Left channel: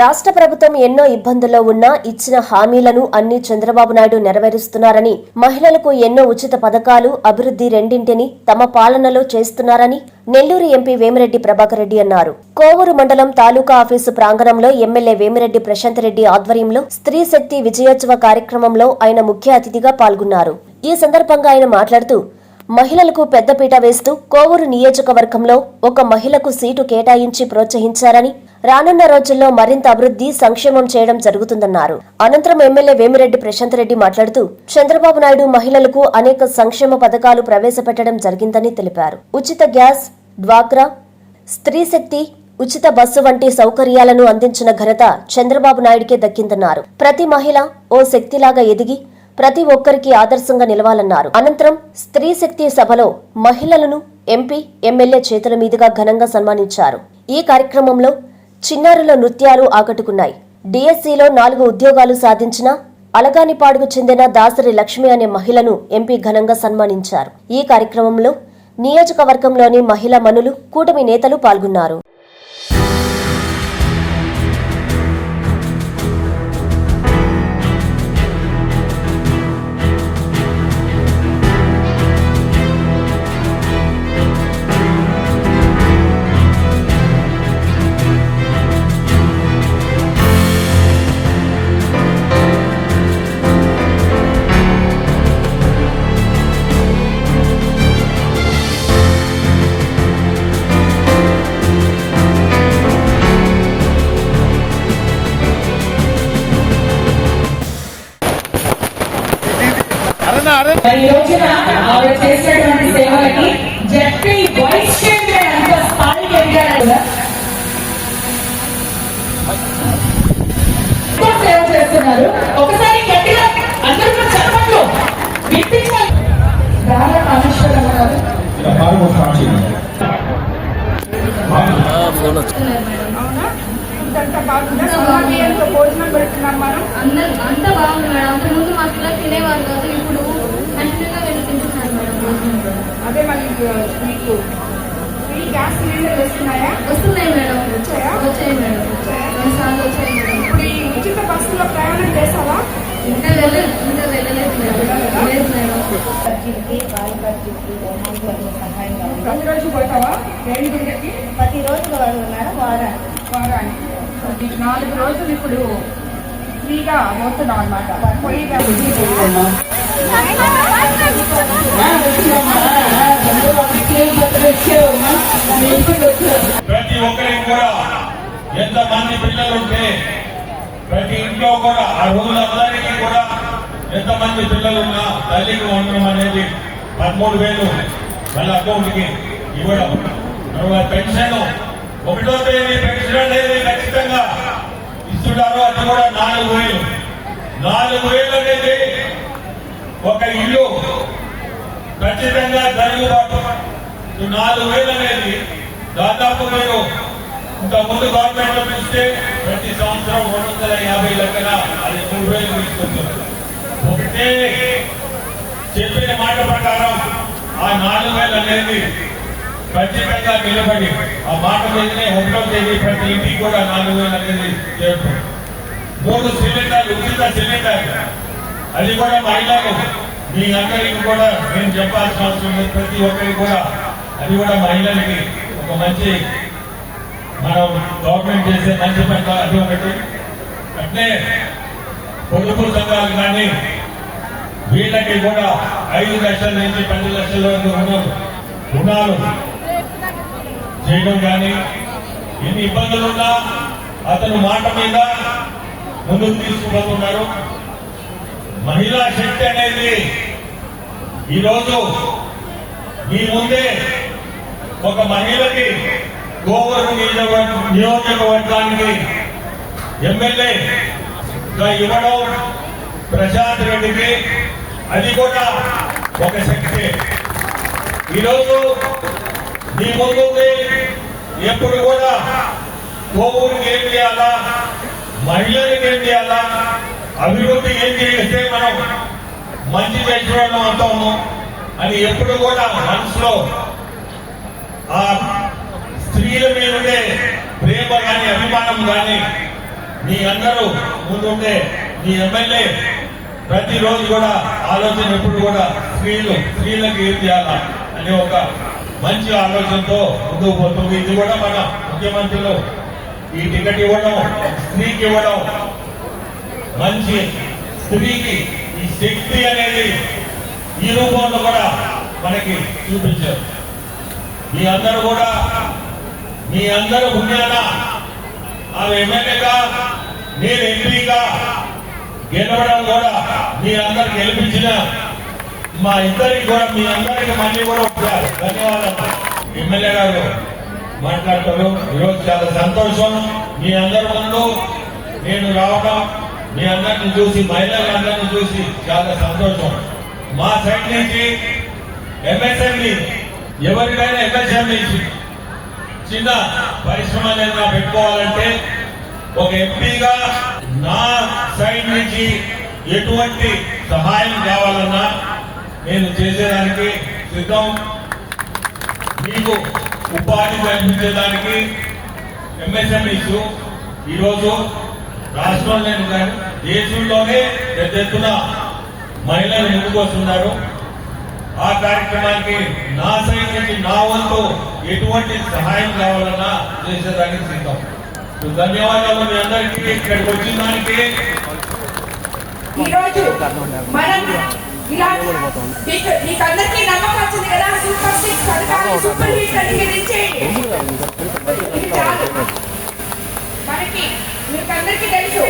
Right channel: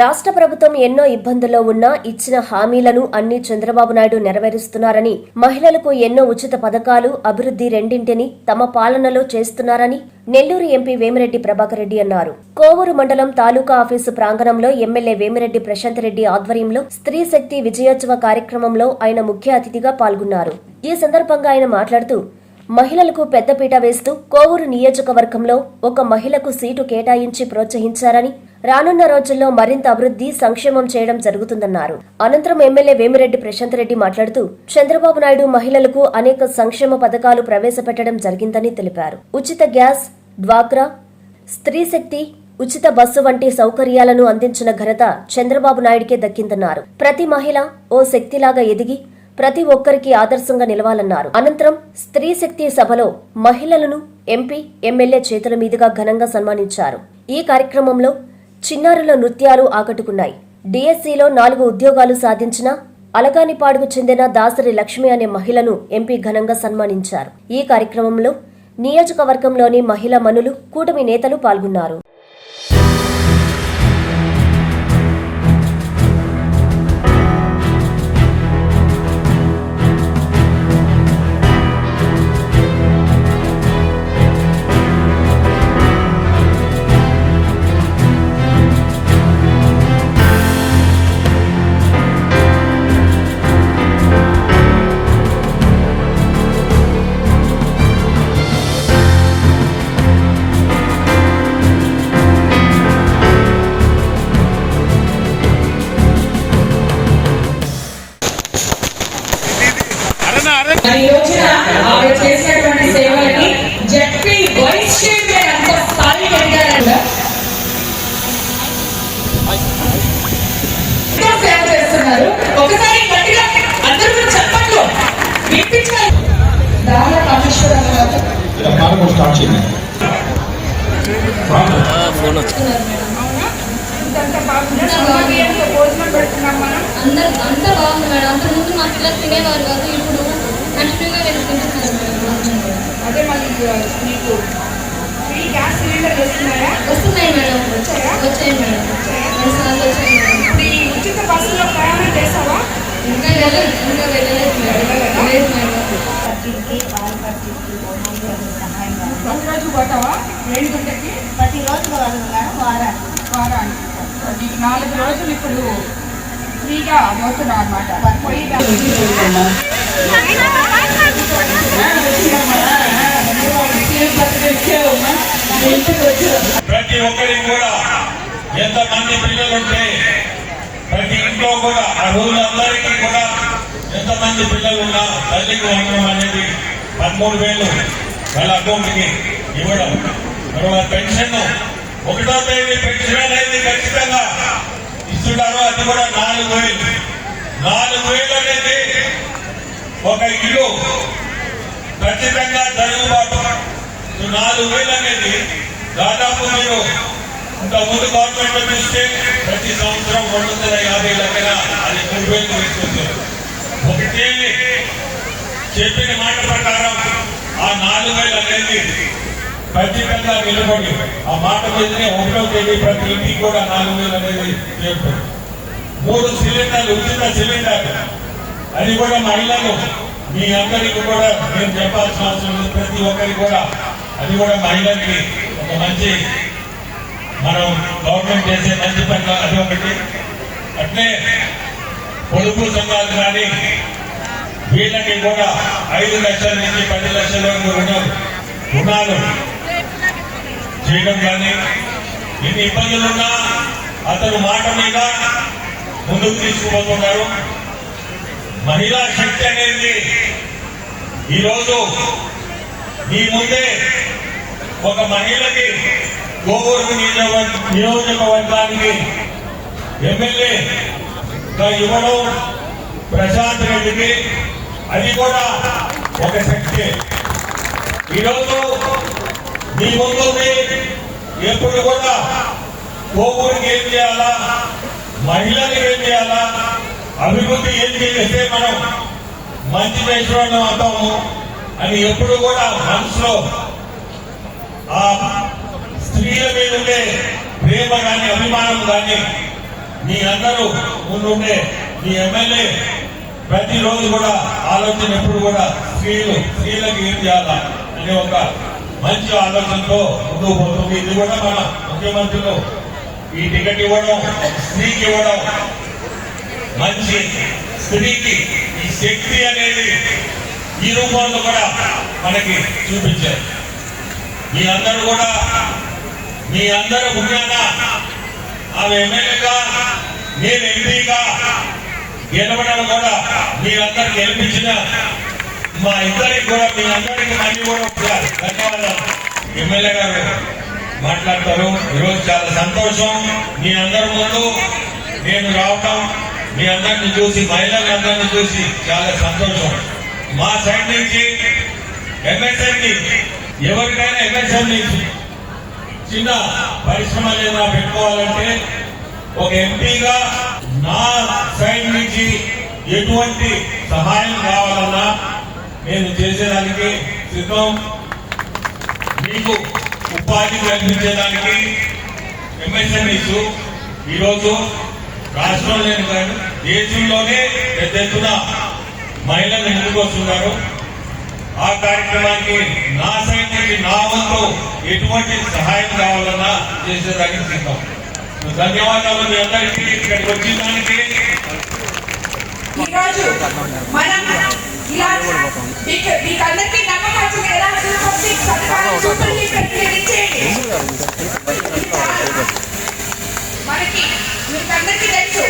రాష్ట్ర ప్రభుత్వం ఎన్నో ఇబ్బందుల్లో ఉన్నా ఇచ్చిన హామీలను అన్ని చంద్రబాబు నాయుడు నెరవేరుస్తున్నారని, మహిళలకు ఎన్నో ఉచిత పథకాలు, అభివృద్ధి రెండింటిని తమ పాలనలో చేస్తున్నారని నెల్లూరు ఎంపీ వేమిరెడ్డి ప్రభాకర్ రెడ్డి అన్నారు. కోవూరు మండలం తాలూకా ఆఫీసు ప్రాంగణంలో ఎమ్మెల్యే వేమిరెడ్డి ప్రశాంత్ రెడ్డి ఆధ్వర్యంలో స్త్రీ శక్తి విజయోత్సవ కార్యక్రమంలో ఆయన ముఖ్య అతిథిగా పాల్గొన్నారు. ఈ సందర్భంగా ఆయన మాట్లాడుతూ, మహిళలకు పెద్దపీట వేస్తూ కోవూరు నియోజకవర్గంలో ఒక మహిళకు సీటు కేటాయించి ప్రోత్సహించారని, రానున్న రోజుల్లో మరింత అభివృద్ధి, సంక్షేమం చేయడం జరుగుతుందన్నారు. అనంతరం ఎమ్మెల్యే వేమిరెడ్డి ప్రశాంత్ రెడ్డి మాట్లాడుతూ, చంద్రబాబు నాయుడు మహిళలకు అనేక సంక్షేమ పథకాలు ప్రవేశపెట్టడం జరిగిందని తెలిపారు. ఉచిత గ్యాస్, డ్వాక్రా, స్త్రీ శక్తి, ఉచిత బస్సు వంటి సౌకర్యాలను అందించిన ఘనత చంద్రబాబు నాయుడికే దక్కిందన్నారు. ప్రతి మహిళ ఓ శక్తిలాగా ఎదిగి ప్రతి ఒక్కరికి ఆదర్శంగా నిలవాలన్నారు. అనంతరం స్త్రీ శక్తి సభలో మహిళలను ఎంపీ, ఎమ్మెల్యే చేతుల మీదుగా ఘనంగా సన్మానించారు. ఈ కార్యక్రమంలో చిన్నారుల నృత్యాలు ఆకట్టుకున్నాయి. డిఎస్సిలో 4 ఉద్యోగాలు సాధించిన అలగానిపాడుకు చెందిన దాసరి లక్ష్మి అనే మహిళను ఎంపీ ఘనంగా సన్మానించారు. ఈ కార్యక్రమంలో నియోజకవర్గంలోని మహిళా మనులు, కూటమి నేతలు పాల్గొన్నారు. ఈ రోజున ఆవిడ చేసేటువంటి సేవలకి జడ్పీ వైస్ చైర్మన్ అంత స్థాయికి ఎదిగారు. సేవ చేస్తున్నారు. ఒకసారి గట్టిగా అందరూ కూడా చెప్పట్లు వినిపించాలి. దాన కామేశ్వరం గారు భోజనం పెడుతున్నాం మనం. అంత బాగుంది మేడం. అంత ముందు మా పిల్లలు తినేవారు కాదు, ఇప్పుడు కంటిన్యూగా వెళ్ళి తింటున్నారు మేడం. అదే మళ్ళీ మీకు ఫ్రీ గ్యాస్ సిలిండర్లు వస్తున్నాయా? వస్తున్నాయి మేడం. వచ్చాయా? వచ్చాయి మేడం. 2 సార్లు వచ్చాయి మేడం. ఇప్పుడు ఈ ఉచిత బస్సులో ప్రయాణం చేస్తావా? ఇంకా వెళ్ళలేదు మేడం. లేదు మేడం. ప్రతిరోజు పోతావా? 2 గంటలకి ప్రతిరోజు మేడం, వారానికి 4 రోజులు ఇప్పుడు ఫ్రీగా పోతున్నాం అన్నమాట. ప్రతి ఒక్కరికి కూడా ఎంతమంది పిల్లలుంటే ప్రతి ఇంట్లో కూడా ఆ రోజులందరికీ కూడా ఎంతమంది పిల్లలు ఉన్నా తల్లికి వండడం అనేది 13,000 వాళ్ళ అకౌంట్కి ఇవ్వడం. తర్వాత పెన్షన్ 1వ తేదీ పెన్షన్ అనేది ఖచ్చితంగా ఇస్తున్నారు. అది కూడా 4,000. 4,000 అనేది ఒక ఇల్లు ఖచ్చితంగా జరుగుబాటు. 4,000 అనేది దాదాపు మీరు ఇంతకుముందు గవర్నమెంట్ ఇస్తే ప్రతి సంవత్సరం 250 లక్షల అది 3,000 తీసుకుంటారు. ఒకటే చెప్పిన మాట ప్రకారం ఆ 4,000 అనేది ఖచ్చితంగా నిలబడి ఆ మాట మీదనే 1వ తేదీ ప్రతి ఇంటికి కూడా 4,000 అనేది చేస్తారు. 3 సిలిండర్లు, ఉచిత సిలిండర్, అది కూడా మహిళలు. మీ అందరికి కూడా నేను చెప్పాల్సిన అవసరం లేదు. ప్రతి ఒక్కరికి కూడా అది కూడా మహిళలకి ఒక మంచి, మనం గవర్నమెంట్ చేసే మంచి పని అది ఒకటి. అంటే పొదుపు సంఘాలు కానీ వీళ్ళకి కూడా 5 లక్షల నుంచి 10 లక్షల వరకు రుణాలు చేయడం కానీ, ఎన్ని ఇబ్బందులున్నా అతను మాట మీద ముందుకు తీసుకుపోతున్నారు. మహిళా శక్తి అనేది ఈరోజు మీ ముందే ఒక మహిళకి కోవూరు నియోజకవర్గానికి ఎమ్మెల్యేగా ఇవ్వడం ప్రశాంత్ రెడ్డికి, అది కూడా ఒక శక్తి. ఈరోజు మీ ముందు ఎప్పుడు కూడా కోవూరుకి ఏం చేయాలా, మహిళలకు ఏం చేయాలా, అభివృద్ధి ఏం చేస్తే మనం మంచి చేసిన అవుతాము అని ఎప్పుడు కూడా మనసులో ఆ స్త్రీల మీదనే ప్రేమ కానీ అభిమానం కానీ మీ అందరూ ముందుండే మీ ఎమ్మెల్యే ప్రతిరోజు కూడా ఆలోచన ఎప్పుడు కూడా స్త్రీలకు ఏం చేయాలా అనే ఒక మంచి ఆలోచనతో ముందుకు పోతుంది. ఇది కూడా మన ముఖ్యమంత్రులు ఈ టికెట్ ఇవ్వడం, స్త్రీకి ఇవ్వడం, మంచి స్త్రీకి ఈ శక్తి అనేది ఈ రూపంలో కూడా మనకి చూపించారు. మీ అందరూ పుణ్యాన ఆమె ఎమ్మెల్యేగా నేను ఎంపీగా గెలవడం కూడా మీ అందరికి గెలిపించిన మా ఇద్దరికి కూడా మీ అందరికి మళ్ళీ కూడా ఒకసారి ధన్యవాదాలు. ఎమ్మెల్యే గారు మాట్లాడతారు. ఈరోజు చాలా సంతోషం మీ అందరి ముందు నేను రావడం, మీ అందరిని చూసి, మహిళలందరినీ చూసి చాలా సంతోషం. మా సైడ్ నుంచి ఎంఎస్ఎంఈ ఎవరికైనా ఎంఎస్ఎంఈ చిన్న పరిశ్రమ ఏదైనా పెట్టుకోవాలంటే ఒక ఎంపీగా నా సైడ్ నుంచి ఎటువంటి సహాయం కావాలన్నా నేను చేసేదానికి సిద్ధం. మీకు ఉపాధి కల్పించేదానికి ఎంఎస్ఎంఈస్ ఈరోజు రాష్ట్రంలోనే కాదు దేశంలోనే పెద్ద ఎత్తున మహిళలు ముందుకు వస్తున్నారు. ఆ కార్యక్రమానికి నా సైడ్ నుంచి నా వంతు ఎటువంటి సహాయం కావాలన్నా చేసేదానికి సిద్ధం. ధన్యవాదాలు మీ అందరికీ ఇక్కడికి వచ్చిన దానికి. ఈరోజు మనం ఇలా మీకు అందరికీ నమ్మకం వచ్చింది కదా, సూపర్ 6 పథకాలు సూపర్ హిట్ ఇచ్చేయండి. మనకి మీకు అందరికీ తెలుసు,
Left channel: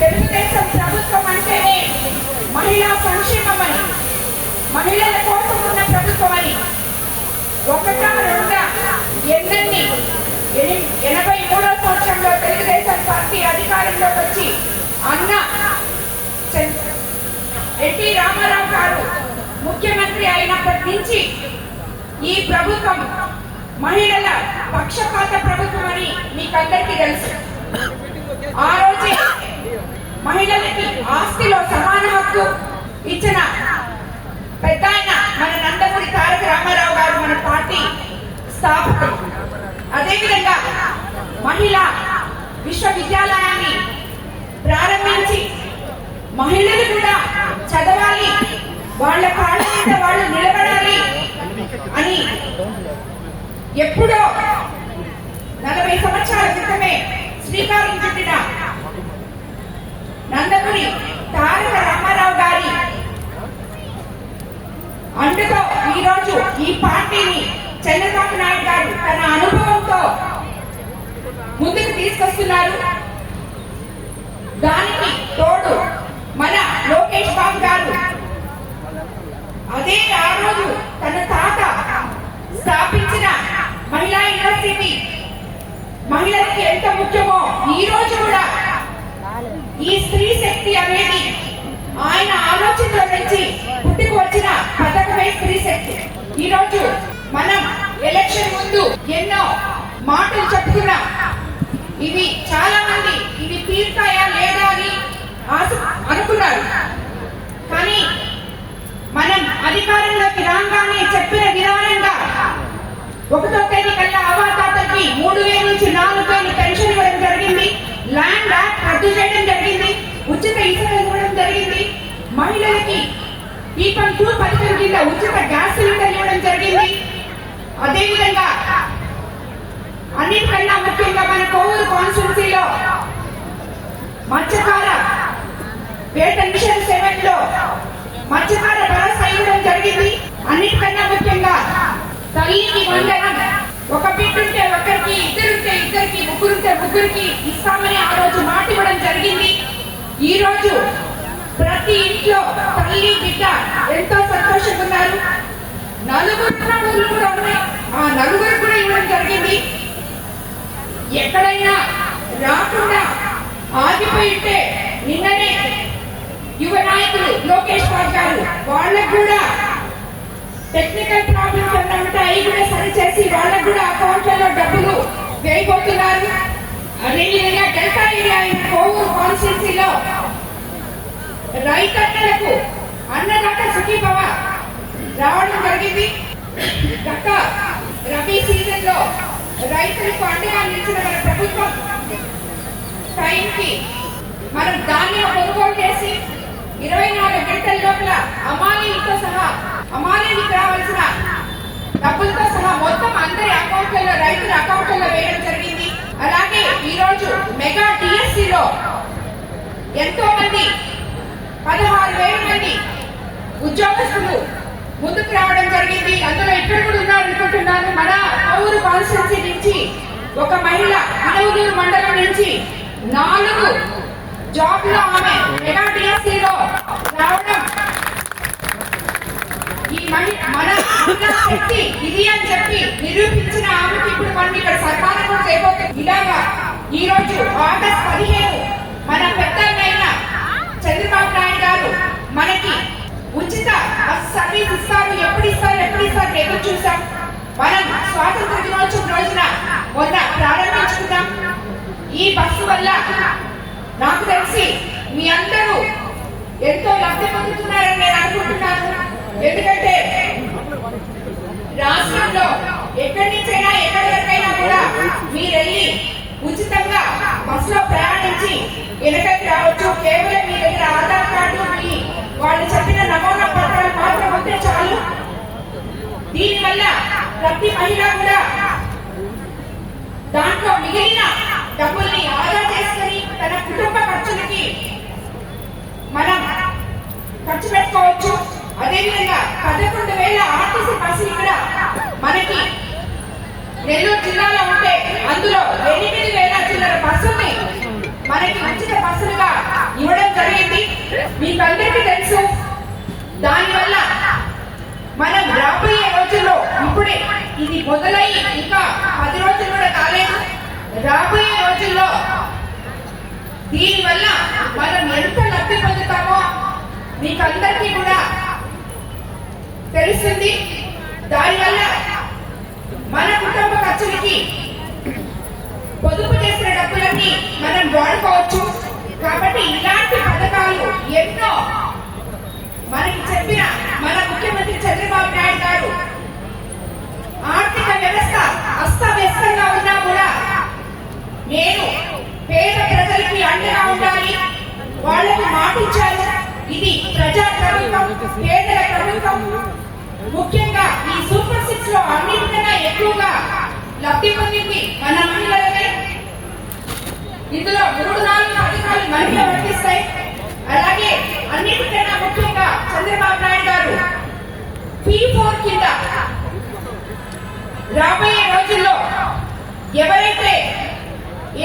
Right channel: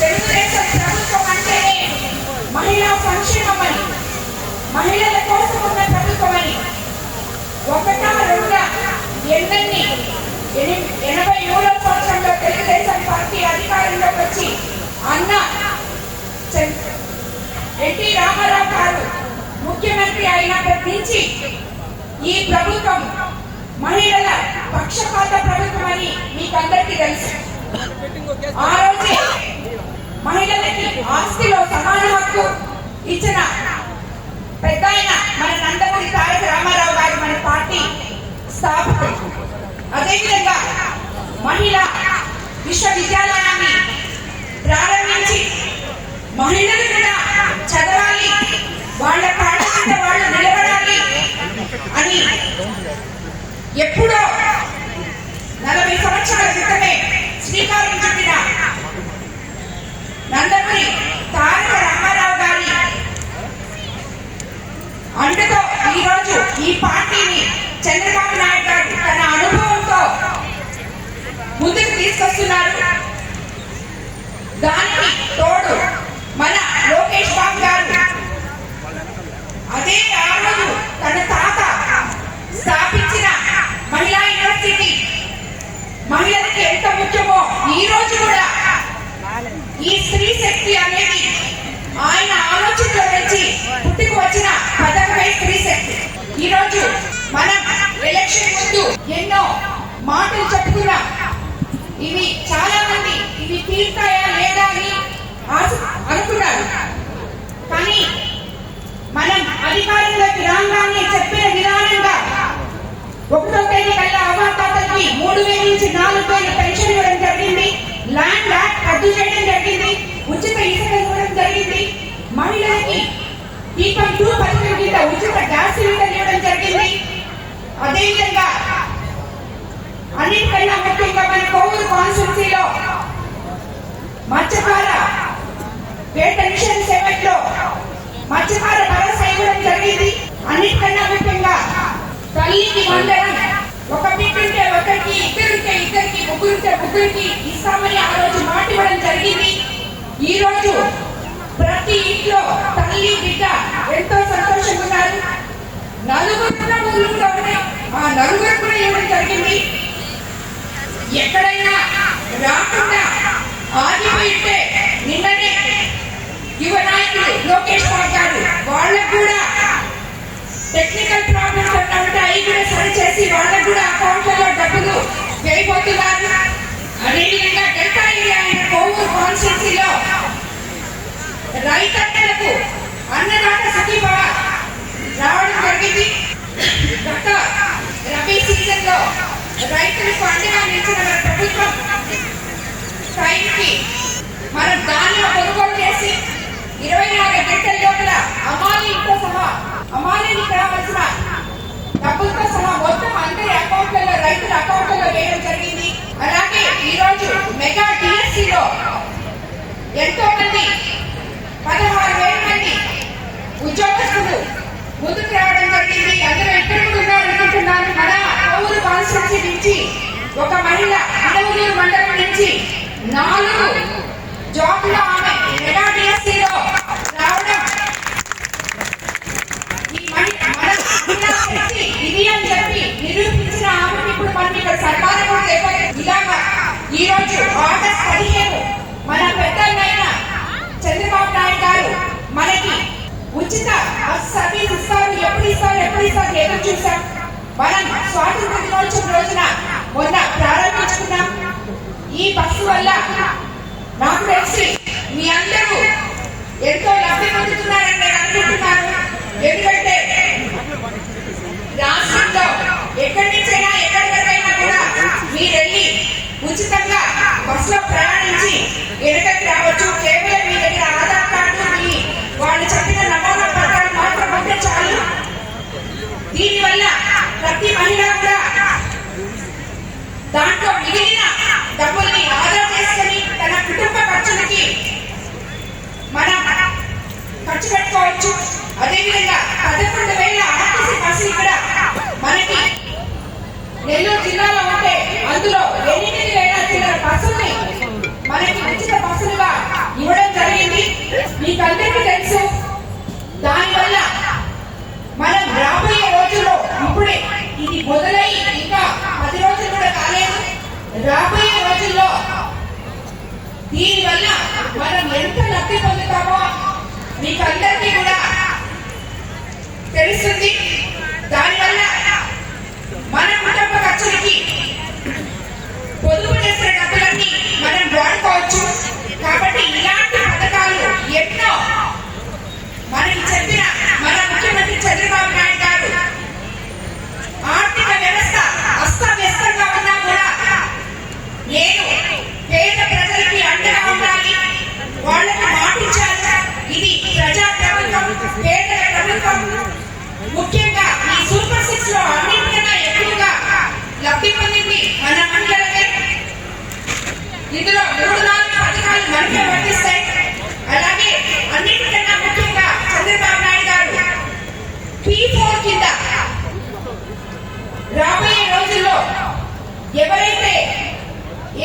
తెలుగుదేశం ప్రభుత్వం అంటేనే మహిళా సంక్షేమం అని, మహిళల కోసం ఉన్న ప్రభుత్వం అని. ఒకటా రెండా ఎన్నెన్ని 83వ సంవత్సరంలో తెలుగుదేశం పార్టీ అధికారంలోకి వచ్చి అన్న ఎన్టీ రామారావు గారు ముఖ్యమంత్రి అయినప్పటి నుంచి ఈ ప్రభుత్వం మహిళల పక్షపాత ప్రభుత్వం అని మీకు అందరికీ తెలుసు. ఆ రోజే మహిళలకి ఆస్తిలో సమాన హక్కు ఇచ్చిన పెద్ద ఆయన మన నందమూరి తారక రామారావు గారు, మన పార్టీ స్థాపకులు. అదేవిధంగా మహిళా విశ్వవిద్యాలయాన్ని ప్రారంభించి మహిళలు కూడా చదవాలి, వాళ్ళ కాళ్ళ మీద వాళ్ళు నిలబడాలి అని ఎప్పుడో 40 సంవత్సరాల క్రితమే శ్రీకారం చుట్టిన నందమూరి తారక రామారావు గారి అండతో ఈరోజు ఈ పార్టీని చంద్రబాబు నాయుడు గారు తన అనుభవంతో ముందుకు తీసుకొస్తున్నారు. దానికి తోడు మన లోకేష్ బాబు గారు అదే ఆ రోజు తన తాత స్థాపించిన మహిళా యూనివర్సిటీ మహిళలకి ఎంత ముఖ్యమో ఈ రోజు కూడా ఈ స్త్రీ శక్తి అనేది ఆయన ఆలోచనలో నుంచి పుట్టుకు వచ్చిన పథకమే స్త్రీ శక్తి. ఈ రోజు మనం ఎలక్షన్ ముందు ఎన్నో మాటలు చెప్పుకున్నాం. ఇవి చాలా మంది ఇవి తీరుతాయా లేదా అని అనుకున్నారు. కానీ మనం అధికారంలోకి రాగానే చెప్పిన విధానంగా 1వ తేదీ కల్లా అవాతాతలకి 3,000 నుంచి 4,000 పెన్షన్ ఇవ్వడం జరిగింది. ల్యాండ్ యాక్ట్ రద్దు చేయడం జరిగింది. ఉచిత ఇసుక ఇవ్వడం జరిగింది. మహిళలకి దీపం 2 పథకం కింద ఉచిత గ్యాస్ సిలిండర్ ఇవ్వడం జరిగింది. అదేవిధంగా అన్నిటికన్నా ముఖ్యంగా మన కోవూరు కాన్స్టిట్యున్సీలో మత్స్యకార పేట మిషన్ 7లో మత్స్యకార భరోసా ఇవ్వడం జరిగింది. అన్నిటికన్నా ముఖ్యంగా తల్లికి వందనం, ఒక బిడ్డుంటే ఒకరికి, ఇద్దరుంటే ఇద్దరికి, ముగ్గురుంటే ముగ్గురికి ఇస్తామని ఆ రోజు మాట ఇవ్వడం జరిగింది. ఈ రోజు ప్రతి ఇంట్లో తల్లి బిడ్డ ఎంతో సంతోషంగా ఉన్నారు. నలుగురు కూడా ఉన్నాయి. ఆ నలుగురు కూడా ఇవ్వడం జరిగింది. ఎక్కడైనా రాకుండా ఆగిపోయితే నిన్ననే యువ నాయకులు లోకేష్ బాబు గారు వాళ్ళకు కూడా టెక్నికల్ ప్రాబ్లమ్స్ ఉన్నట్టు అవి కూడా సరి చేసి వాళ్ళకు కూడా అకౌంట్లలో డబ్బులు వేయబోతున్నారు. అదేవిధంగా డెల్టా ఏరియా కోవూరు కాన్స్టిట్యున్సీలో రైతన్నలకు అన్నదాత సుఖీభవ రావడం జరిగింది. గత రబీ సీజన్ లో రైతులకు అండగా నిలిచిన మన ప్రభుత్వం టైంకి మనం ధాన్యం కొనుగోలు చేసి 24 గంటల లోపల అమాలీకి రావాల్సిన డబ్బులతో సహా మొత్తం అందరి అకౌంట్లలో, రైతుల అకౌంట్లలో వేయడం జరిగింది. అలాగే ఈ రోజు మెగా డిఎస్సిలో ఎంతో మంది 16,000 మంది ఉద్యోగస్తులు ముందుకు రావడం జరిగింది. అందులో ఇప్పుడు కూడా ఉన్నారనుకుంటున్నాను. మన ఊరు కాన్స్టిట్యూన్సీ నుంచి ఒక మహిళ ఇనవూరు మండలం నుంచి 4 జాబ్లో ఆమె మెగా డిఎస్సిలో రావడం ఈ మన మహిళా శక్తి ఇది అని చెప్పి నిరూపించిన ఆమెకి ఇప్పుడు మనం ఇక్కడ సన్మానం కూడా చేయబోతుంది. ఇలాగా ఈ రోజు ఆగస్టు 15 మన పెద్దలైన చంద్రబాబు నాయుడు గారు మనకి ఉచిత బస్ సర్వీస్ ఇస్తారు. ఎప్పుడు ఇస్తారు ఎదురు చూసాం. మనం స్వాతంత్ర దినోత్సవం రోజున మొన్న ప్రారంభించుకున్నాం. ఈ బస్సు వల్ల నాకు తెలిసి మీ అందరూ ఎంతో లబ్ధి పొందుతున్నారని నేను అనుకుంటున్నాను. ఎందుకంటే రాష్ట్రంలో ఎక్కడి నుంచైనా ఎక్కడికైనా కూడా మీరెళ్ళి ఉచితంగా బస్సులో ప్రయాణించి వెనకకి రావచ్చు. కేవలం మీ దగ్గర ఆధార్ కార్డు, మీ వాళ్ళు చెప్పిన నమూనా పత్రాలు మాత్రం ఉంటే చాలు. దీనివల్ల ప్రతి మహిళ కూడా దాంట్లో మిగిలిన డబ్బుల్ని ఆదా చేసుకుని తన కుటుంబ ఖర్చులకి మనం ఖర్చు పెట్టుకోవచ్చు. అదేవిధంగా 11,000 ఆర్టీసీ బస్సులు కూడా మనకి నెల్లూరు జిల్లాలో ఉంటే అందులో 8,000 చిల్లర బస్సుల్ని మనకి ఉచిత బస్సులుగా ఇవ్వడం జరిగింది. మీకు అందరికీ తెలుసు. దానివల్ల మనం రాబోయే రోజుల్లో ఇప్పుడే ఇది మొదలై ఇంకా 10 రోజులు కూడా కాలేదు. రాబోయే రోజుల్లో దీనివల్ల మనం ఎంత లబ్ధి పొందుతామో మీకు అందరికీ కూడా తెలుస్తుంది. దానివల్ల మన కుటుంబ ఖర్చులకి పొదుపు చేసిన డబ్బులన్నీ మనం వాడుకోవచ్చు. కాబట్టి ఇలాంటి పథకాలు ఎన్నో మనకి చెప్పిన మన ముఖ్యమంత్రి చంద్రబాబు నాయుడు గారు ఆర్థిక వ్యవస్థ అస్తవ్యస్తంగా ఉన్నా కూడా నేను పేద ప్రజలకి అండగా ఉండాలి, వాళ్ళకి మాటించాలి. ఇది ప్రజా ప్రభుత్వం, పేదల ప్రభుత్వం. ముఖ్యంగా ఈ సూపర్ 6 లో అన్నింటికన్నా ఎక్కువగా లబ్ధి పొందింది మన మహిళలే. ఇందులో 3-4 పథకాలు మనకే వర్తిస్తాయి. అలాగే అన్నింటికన్నా ముఖ్యంగా చంద్రబాబు నాయుడు గారు P4 కింద రాబోయే రోజుల్లో ఎవరైతే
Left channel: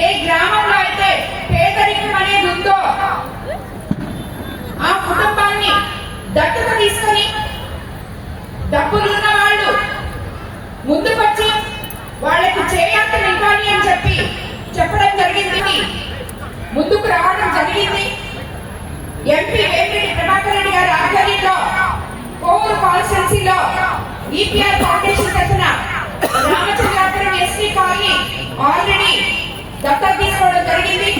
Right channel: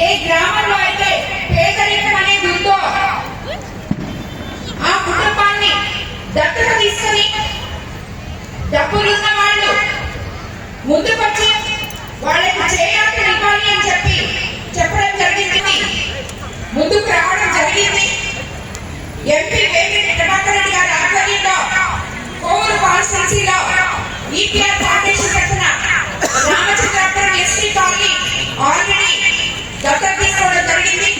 ఏ గ్రామంలో అయితే పేదరికం అనేది ఉందో ఆ కుటుంబాన్ని దత్తత తీసుకుని డబ్బులున్న వాళ్ళు ముందుకొచ్చి వాళ్ళకి చేయాల్సిన ఇవ్వాలి అని చెప్పడం జరిగింది. ముందుకు రావడం జరిగింది. ఎంపీ వేమిరెడ్డి ప్రభాకర్ రెడ్డి గారి ఆధ్వర్యంలో కోవూరు కాన్స్టిట్యున్సీలో ఈపీఆర్ ఫౌండేషన్ తరఫున రామచంద్రాపురం ఎస్టీ కాలనీ ఆల్రెడీ దత్తత తీసుకోవడం జరిగింది.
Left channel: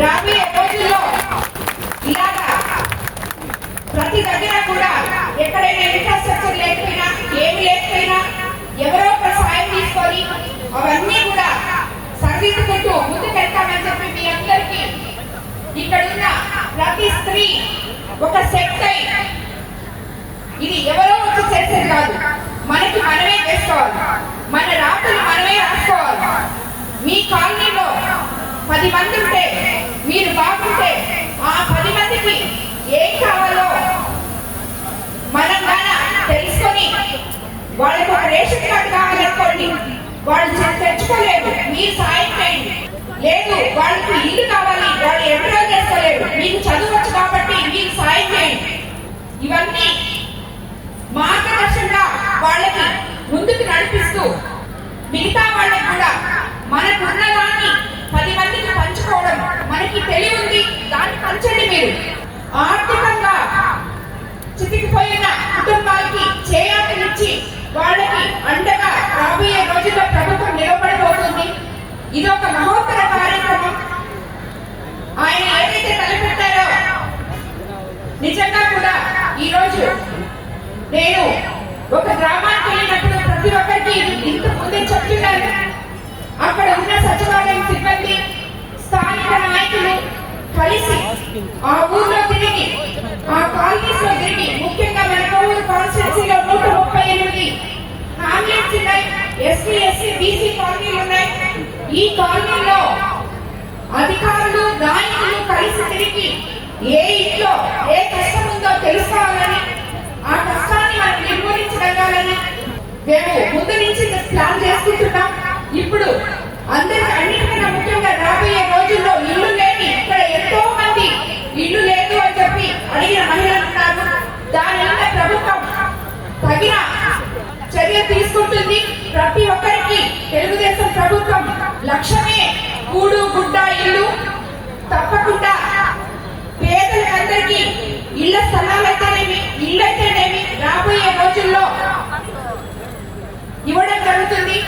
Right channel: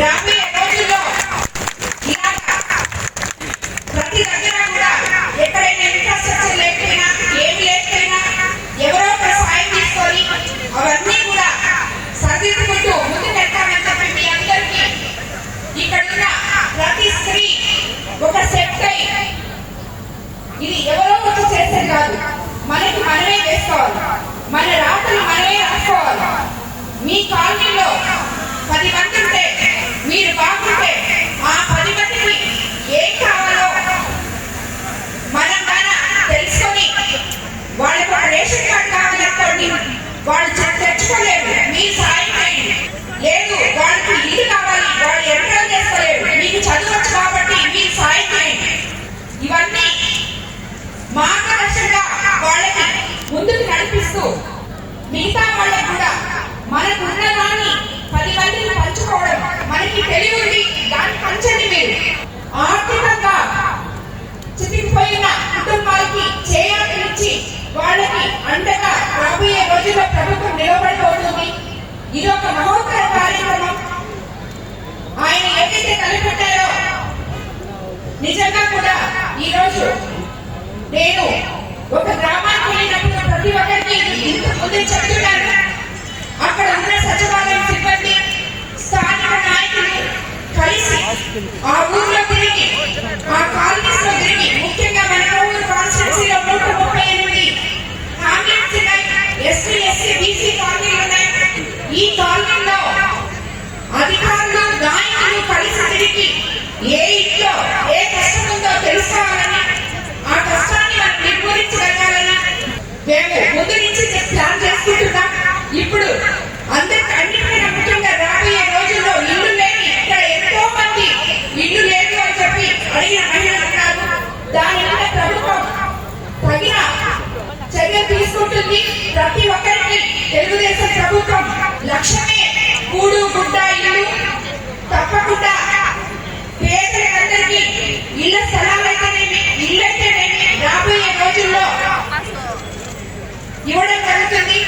రాబోయే రోజుల్లో ఇలాగా ప్రతి దగ్గర కూడా ఎక్కడైనా ఇన్ఫ్రాస్ట్రక్చర్ లేకపోయినా ఏమి లేకపోయినా ఎవరో ఒక సాయం తీసుకొని అవన్నీ కూడా సరిదిద్దుకుంటూ ముందుకెళ్తామని చెప్పి మీ అందరికీ ఇక్కడున్న ప్రతి స్త్రీ ఒక సెట్ అయి, ఇది ఎవరో వచ్చి చేసేది కాదు, మనకి మనమే చేసుకోవాలి. మన రాత్రులు మనమే రాసుకోవాలి. మీ కాలనీలో 10 మంది ఉంటే మీరు బాగుంటే ఆ 10 మందికి ఏం కావాలో మనం తెలుసుకొని వాళ్ళకి ఒక రేషన్ కార్డు కావాలనుకోండి, వాళ్ళు తెచ్చుకోలేరు, మీరు సాయం చేయండి. లేదు వాళ్ళకి ఇల్లు కావాలి, వాళ్ళు ఎన్రోల్ చేసుకోలేరు, మీకు చదువచ్చు కాబట్టి మీరు సాయం చేయండి. ఇవన్నీ మార్గదర్శకంగా వాళ్ళకి ముందుకు నడిపిస్తూ మిగతా వాళ్ళకి కూడా మనకు ఉన్నదాన్ని 10 మందికి పంచుకోవడం మనకి తెలివి ఉంది, దాన్ని పంచండి. మీరు ఆర్థికంగా చితికిపోయిన కుటుంబాలకి చేయాలనిచ్చి వాళ్ళకి అండగా రాబోయే రోజుల్లో ప్రభుత్వం నిలబడబోతుంది. ఇది ఒక మహోత్తర కార్యక్రమం. ఆయన ఏదైతే తలపెట్టారో నిజంగా కూడా ఈ రోజు నేను ఒక గ్రామానికి వెళ్ళినప్పుడు ప్రతి ఒక్కరికి ఇంతకు ముందు చెప్తున్నాను. అక్కడ ఉన్న సచివాలయం సిబ్బంది, స్థానిక నాయకులు మేము ముందు నుంచి ప్లాన్ చేసుకుంటున్నాం. ఇప్పుడు అన్నిటికన్నా ముఖ్యంగా రాబోయే రోజుల్లో ఇల్లు లేని ఇక్కడ ఎంతో మంది ఇల్లు లేదు అని చెప్పి అడిగిన మహిళలు ఉన్నారు. దాని వల్ల ప్రభుత్వం తగిన చర్య తీసుకుంటుంది. ప్రతి ఒక్కరికి తెలుగుదేశం ప్రభుత్వం లక్ష్యమే కూడు గుడ్డ ఇల్లు. తప్పకుండా పేదలందరికీ ఇళ్ల స్థలాలైతేనేమి ఇల్లైతేనేమి రాబోయే రోజుల్లో ఇవ్వడం జరుగుతుంది.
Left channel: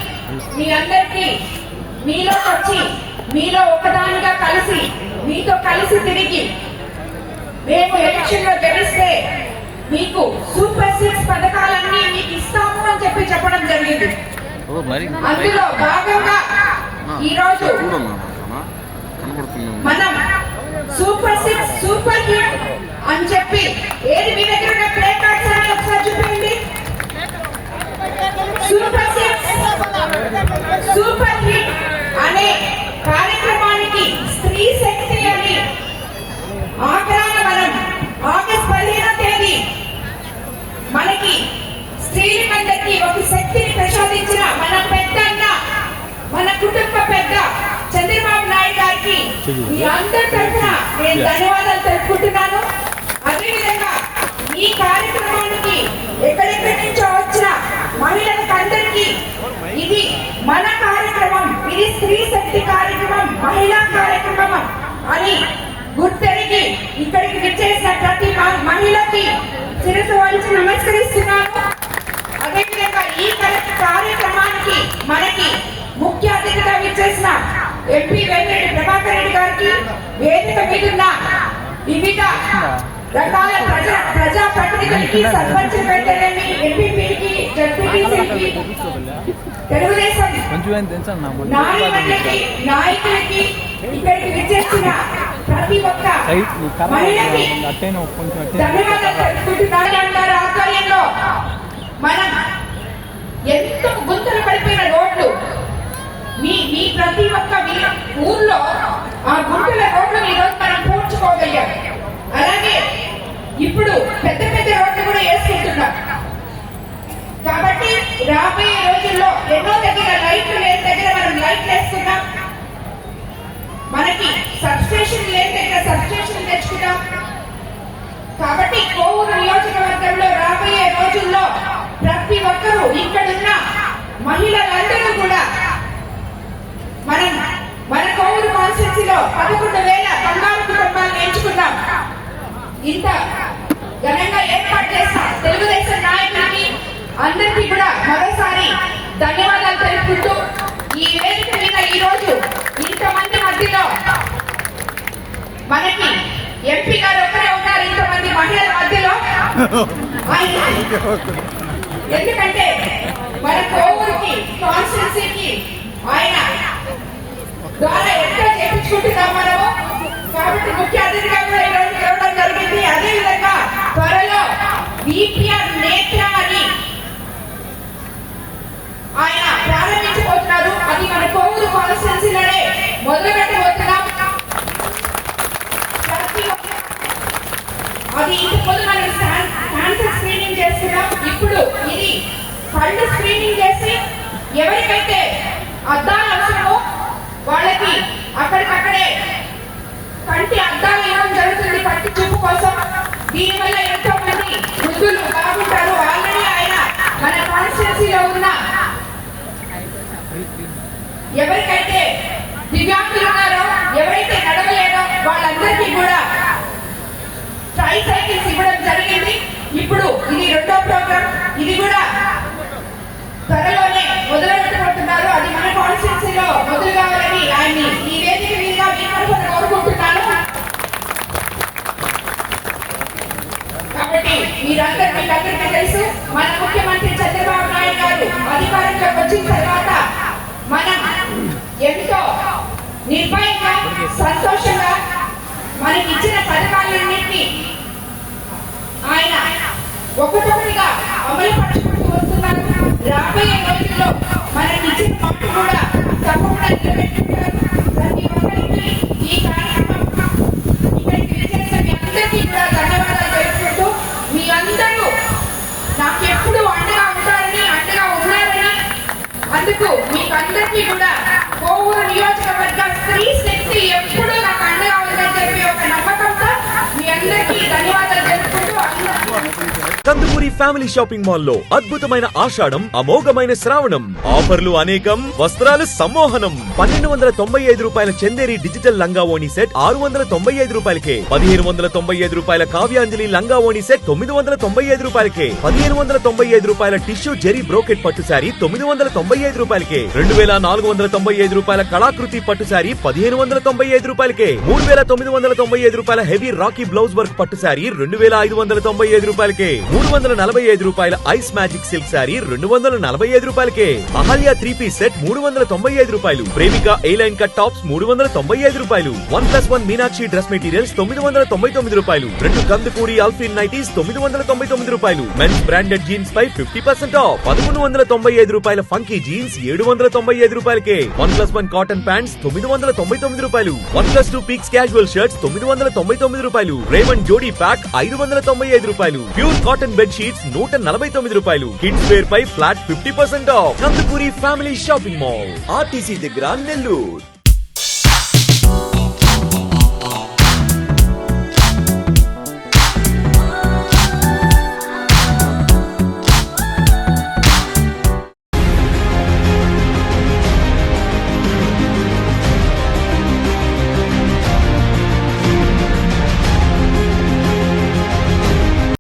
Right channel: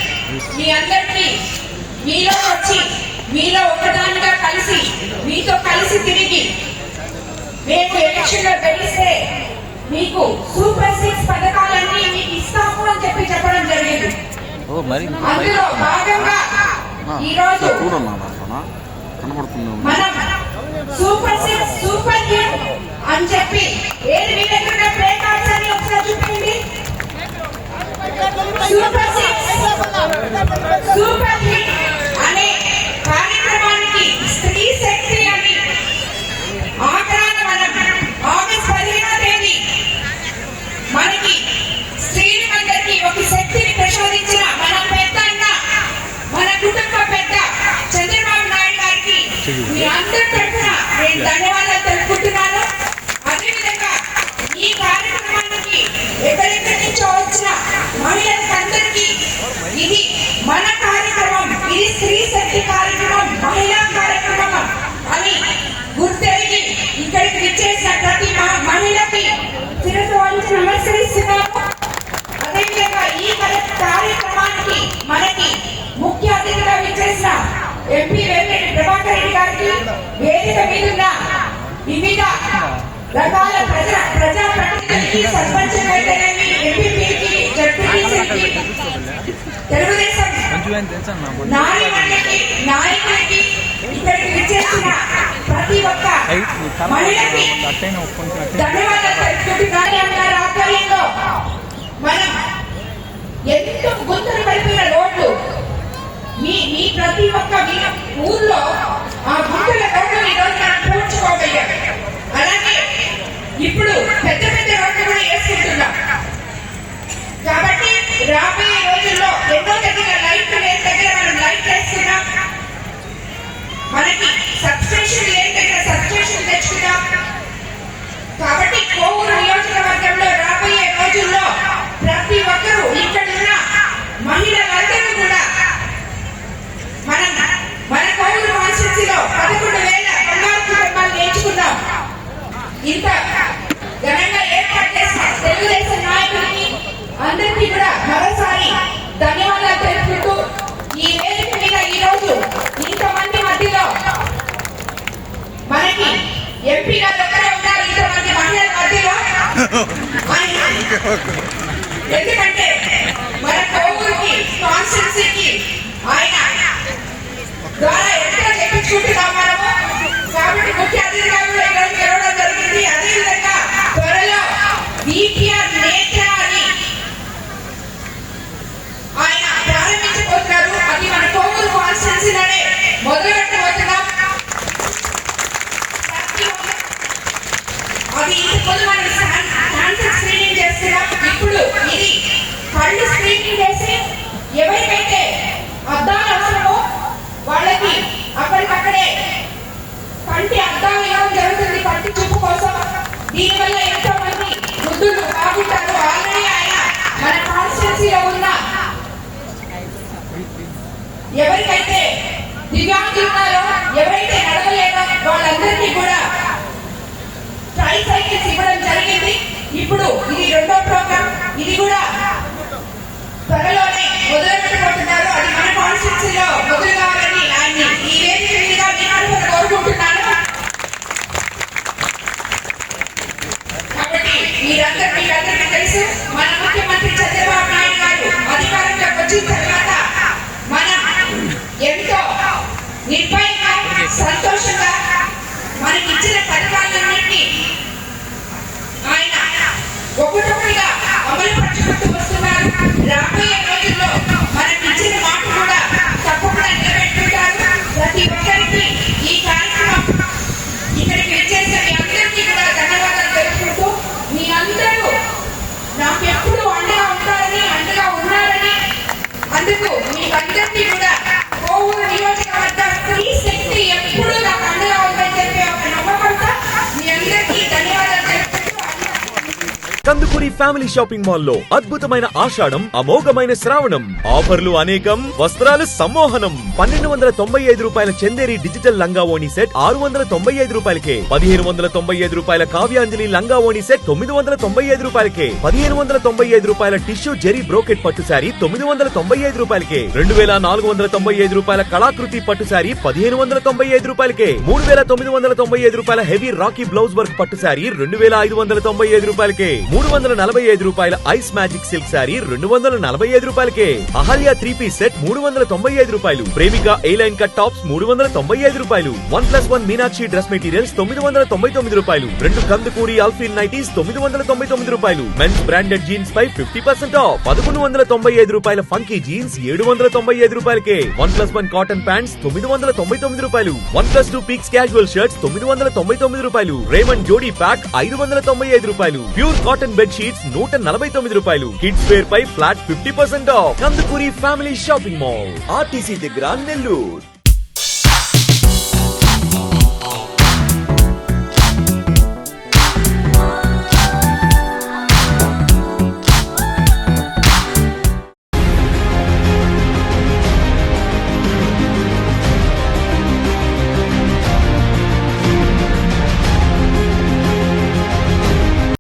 మీ అందరికీ మీలో వచ్చి మీలో ఒకదానిగా కలిసి మీతో కలిసి తిరిగి మేము ఎలక్షన్ లో గెలిస్తే మీకు సూపర్ 6 పథకాలన్నీ మీకు ఇస్తాము అని చెప్పడం జరిగింది. అందులో భాగంగా ఈ రోజు మనం సూపర్ 6 సూపర్ హిట్ అని చెప్పి ఏది మీ దగ్గర ప్లే కార్డ్స్ అని ఒకసారి చూపించండి. సూపర్ 6 సూపర్ హిట్ అనే కార్యక్రమానికి స్త్రీ శక్తి అని ఆఖరాన మనం ఆగస్టు 15వ తేదీ మనకి స్త్రీలందరికీ ఒక శక్తిని ప్రసాదించిన మన పెద్దన్న మన కుటుంబ పెద్ద చంద్రబాబు నాయుడు గారికి మీ అందరి తరఫున నేను ధన్యవాదాలు తెలుపుకుంటున్నాను. అదేవిధంగా ఈ కార్యక్రమానికి ఎక్కడెక్కడి నుంచో వచ్చిన మహిళలకు అందరికీ ఇది మన కార్యక్రమం, ఇది స్త్రీ శక్తి కార్యక్రమం, మహిళా కార్యక్రమం అని గుర్తెరిగి ఇక్కడికి విచ్చేసిన ప్రతి మహిళకి శిరస్సు వంచి నమస్కరిస్తున్నాను. అదేవిధంగా ఈ కార్యక్రమానికి మనకి ముఖ్య అతిథిగా విచ్చేసిన ఎంపీ వేమిరెడ్డి ప్రభాకర్ రెడ్డి గారికి, వేదిక మీదున్న వివిధ రకాల ప్రజా ప్రతినిధులకి, సర్పంచులైతేనేమి, ఎంపీపీకి, జడ్పీటీసీకి, తెలుగుదేశం నాయకులకి ఇక్కడికి విచ్చేసిన ప్రతి ఒక్క మహిళకి ధన్యవాదాలు తెలుపుకుంటున్నాను. గారి ఆధ్వర్యంలో మనం ఎంతో గుర్తులు పడిపోయిన రోడ్లు మీ ప్రతి ఒక్క ఊర్లో ఆ గుర్తుల రోడ్లు ఈ రోజు మనం పూడ్చుకోగలిగాం. అలాగే ఇప్పుడు పెద్ద పెద్ద రోడ్లు కూడా వేసుకుంటున్నాం. కాబట్టి రాబోయే రోజుల్లో ఎన్నో దగ్గర లైట్లు లేని దగ్గర మనం లైట్లు వేస్తున్నాం. మనకి సబ్స్టేషన్ లేని దగ్గర సబ్స్టేషన్ తెచ్చుకున్నాం. కాబట్టి కోవూరు నియోజకవర్గంలో రాబోయే రోజుల్లో ప్రతి ఒక్కరూ ఇక్కడున్న మహిళలందరూ కూడా మన కోవూరు కాన్స్టిట్యూన్సీలో 11,000 బంగారు కుటుంబాలను ఎంచుకున్నాం. ఇంత ఘనంగా ఏర్పాటు చేసిన తెలుగుదేశం నాయకులకి అందరికీ కూడా మరోసారి ధన్యవాదాలు తెలుపుకుంటూ ఈ వేదిక మీద ఈ రోజు ఇంతమంది మధ్యలో మనకి ఎంపీ గారు ఒక్కరే ఉన్నారు. ఇంతమంది మహిళల మధ్యలో ఎందుకంటే మన కోవూరుకి కాన్స్టిట్యూన్సీకి ఆయన ద్వారా ఎంతో చేయించుకుంటున్నాం మనము. కాబట్టి ముఖ్య అతిథిగా కూడా ఈరోజు తెరవడం జరిగింది. అదేవిధంగా త్వరలో బీటీఆర్ నేత్ర అని ఆయన ప్రారంభించబోతున్నారు. అది మన కోవూరు కాన్స్టిట్యూన్సీలోనే మొదలు పెట్టబోతున్నాం. అది ఇంతకుముందు మనం క్యాన్సర్ స్క్రీనింగ్ చేస్తున్నాం. ఇప్పుడు ఇది కళ్ళు స్క్రీనింగ్ చేసి ఎవరికైతే అద్దాలు అవసరమో వాళ్ళకి అక్కడికక్కడే కంటి అద్దాలు ఇవ్వడం జరుగుతుంది కంటి చూపు కోసం. దీనివల్ల ఎంతో మంది వృద్ధులు బాగుంటారు. ఆల్రెడీ ఆయన మన కాన్స్టిట్యూన్సీలో ఉన్న ఎవరికైతే దివ్యాంగులు ఉన్నారో, ఎవరైతే నడవలేరో వాళ్ళందరికీ కూడా ట్రైసైకిల్స్ ఇవ్వడం జరిగింది. ఇప్పుడు ఇది 2వ ప్రోగ్రామ్. ఇది కూడా త్వరలోనే మొదలు పెట్టబోతున్నారు. అది మన కాన్స్టిట్యూన్సీలో మొదలు కావాలని ఆయన్ని ఈ వేదిక మీదుగా కోరుకుంటున్నాను. కాబట్టి మీరందరికీ తెలుసు, మన ముఖ్యమంత్రి చంద్రబాబు నాయుడు గారు అధికారంలోకి వచ్చిన తర్వాత మనం ఎంతో నిర్భయంగా సంతోషంగా మనకి ఇచ్చిన పథకాలన్నింటినీ ఆయన ఒకటొకటిగా అమలు పరుచుకుంటూ వస్తున్నారు. రాబోయే రోజుల్లో మనకి ఇచ్చిన మాట కూడా తప్పకుండా నిలబెట్టుకుంటారు. ప్రతి ఒక్కరికి ఈ కార్యక్రమం ఇక్కడికి విచ్చేసిన మీ అందరికీ కూడా ధన్యవాదాలు తెలుపుకుంటూ మీ అందరూ నాకు ఎప్పుడు అండగా ఉంటారని, అండగా ఉన్నారు ఫ్యామిలీ షాపింగ్ మాల్ లో అద్భుతమైన ఆషాఢం, అమోఘమైన శ్రావణం, ఆఫర్లు అనేకం, వస్త్రాలు సమ్మోహనం. 1295 రూపాయల చందేరి డిజిటల్ లంగా ఓణి సెట్ 695 రూపాయలకే, 1595 రూపాయల కావ్యాంజలి లంగా ఓణి సెట్ 995 రూపాయలకే, 1595 రూపాయల టిష్యూ జెరీ బ్రోకెట్ పట్టు శారీ 995 రూపాయలకే, 2495 రూపాయల కళాకృతి పట్టు శారీ 1595 రూపాయలకే, 3995 రూపాయల హెవీ రాకీ బ్లౌజ్ వర్క్ పట్టు శారీ 2595 రూపాయలకే, 345 రూపాయల ఐస్ మ్యాజిక్ సిల్క్ శారీ 245 రూపాయలకే, అహల్య 3 పీస్ సెట్ 395 రూపాయలు, ప్రేమిక ఏ లైన్ కట్ టాప్స్ 395 రూపాయలు, 1+1 మీనాక్షి డ్రెస్ మెటీరియల్స్ 999 రూపాయలు, 2 కందుకూరి అల్ఫిన్ నైటీస్ 999 రూపాయలు, మెన్స్ బ్రాండెడ్ జీన్స్ పై 50% ఆఫ్, 1195 రూపాయల ఫంకీ జీన్స్ 795 రూపాయలకే, 1+1 కాటన్ ప్యాంట్స్ 999 రూపాయలు, 1+2 పీక్స్ క్యాజువల్ షర్ట్స్ 999 రూపాయలు, రేమండ్ జోడీ ప్యాక్ 595 రూపాయలు, ప్యూర్ కాటన్ బెడ్ షీట్స్ 149 రూపాయలు, కిడ్స్ వేర్ పై flat 50% off. Kandukuri family shopping mall, RTC దగ్గర, నెల్లూరు.